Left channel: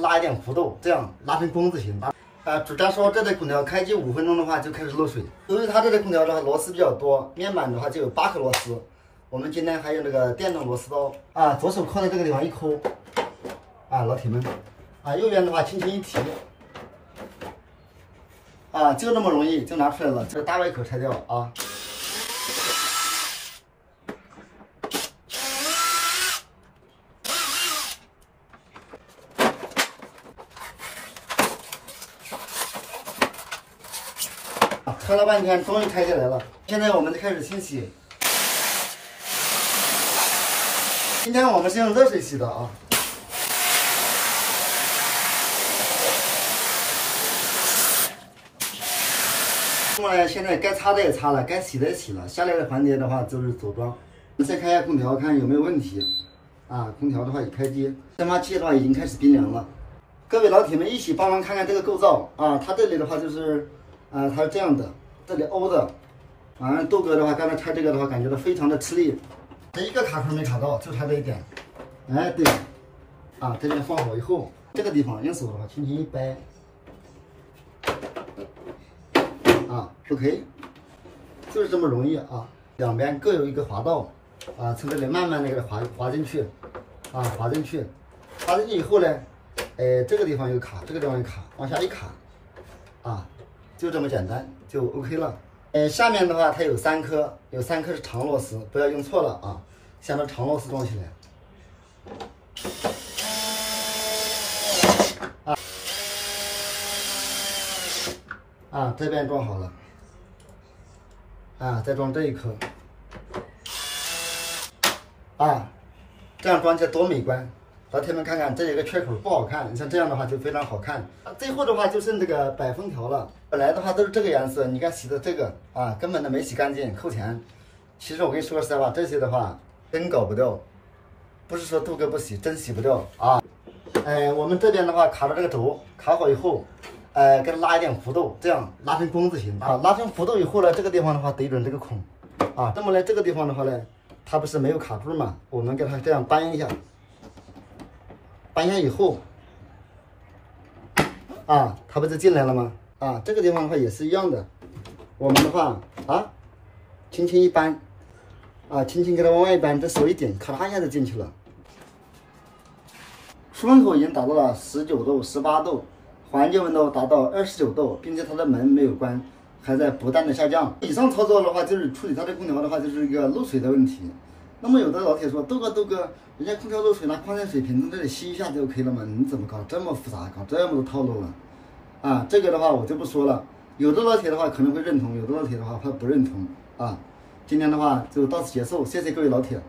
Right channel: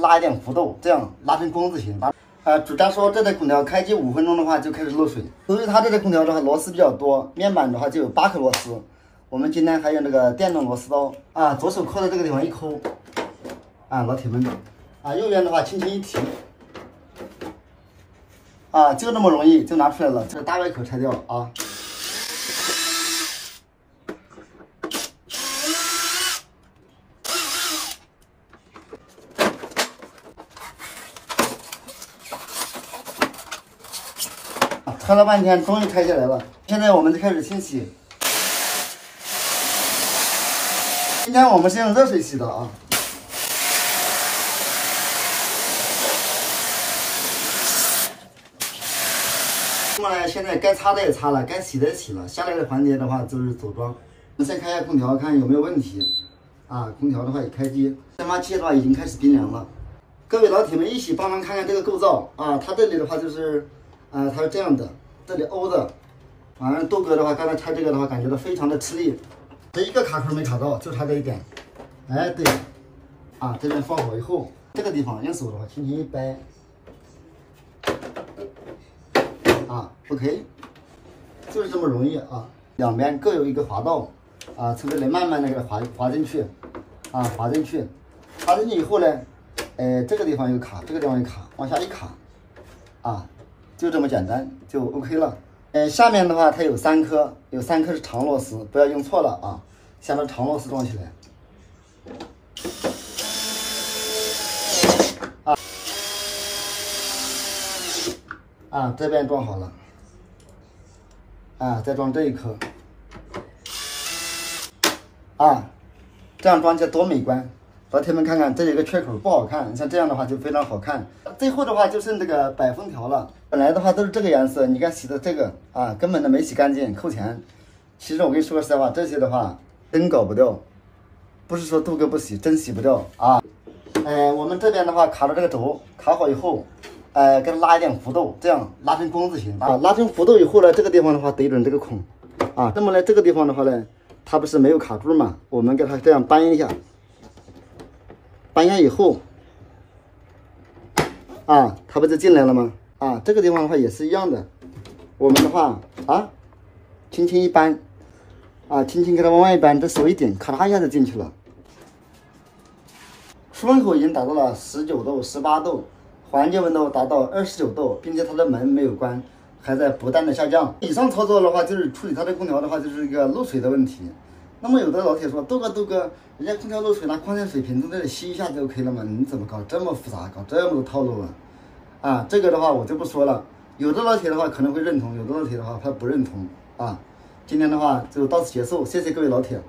拉一点弧度，这样拉成弓字形。主家说这台空调开机5分钟的话就开始漏水，由于它这台空调的话螺丝比较多，面板的话就有8颗螺丝。我们今天还用这个电动螺丝刀左手扣在这个地方一抠，老铁们右边的话轻轻一提，就那么容易就拿出来了。这个大外口拆掉啊。拆了半天，终于拆下来了。现在我们就开始清洗。今天我们是用热水洗的啊。那么呢，现在该擦的也擦了，该洗的也洗了。下来的环节的话就是组装。我们先看一下空调，看有没有问题。空调的话已开机，蒸发器的话已经开始冰凉了。各位老铁们一起帮忙看看这个构造它这里的话就是。它是这样的，这里凹的，反正豆哥的话，刚才拆这个的话，感觉到非常的吃力，这一个卡口没卡到，就差这一点。对，这边放好以后，这个地方用手的话轻轻一掰，OK， 就是这么容易两边各有一个滑道从这里慢慢的给它滑进去，滑进去以后呢，这个地方有卡，这个地方有卡，往下一卡，就这么简单，就 OK 了。下面的话它有3颗，是长螺丝，不要用错了像这长螺丝装起来。这边装好了，再装这一颗，这样装起来多美观。老铁们看看，这有一个缺口不好看，像这样的话就非常好看。最后的话就剩这个摆封条了，本来的话都是这个颜色，你看洗的这个根本都没洗干净，扣钱。其实我跟你说实在话，这些的话真搞不掉，不是说豆哥不洗，真洗不掉我们这边的话卡了这个轴，卡好以后，给它拉一点弧度，这样拉成弓字形拉成弧度以后呢，这个地方的话对准这个孔那么呢这个地方的话呢，它不是没有卡住嘛，我们给它这样扳一下。扳压以后，它不就进来了吗？这个地方的话也是一样的，我们的话轻轻一扳，轻轻给它往外一扳，这手一顶，咔嚓一下就进去了。出风口已经达到了19度、18度，环境温度达到29度，并且它的门没有关，还在不断的下降。以上操作的话，就是处理它的空调的话，就是一个漏水的问题。那么有的老铁说，豆哥，人家空调漏水拿矿泉水瓶从这里吸一下就 OK 了吗？你怎么搞这么复杂，搞这么多套路这个的话我就不说了。有的老铁的话可能会认同，有的老铁的话他不认同今天的话就到此结束，谢谢各位老铁。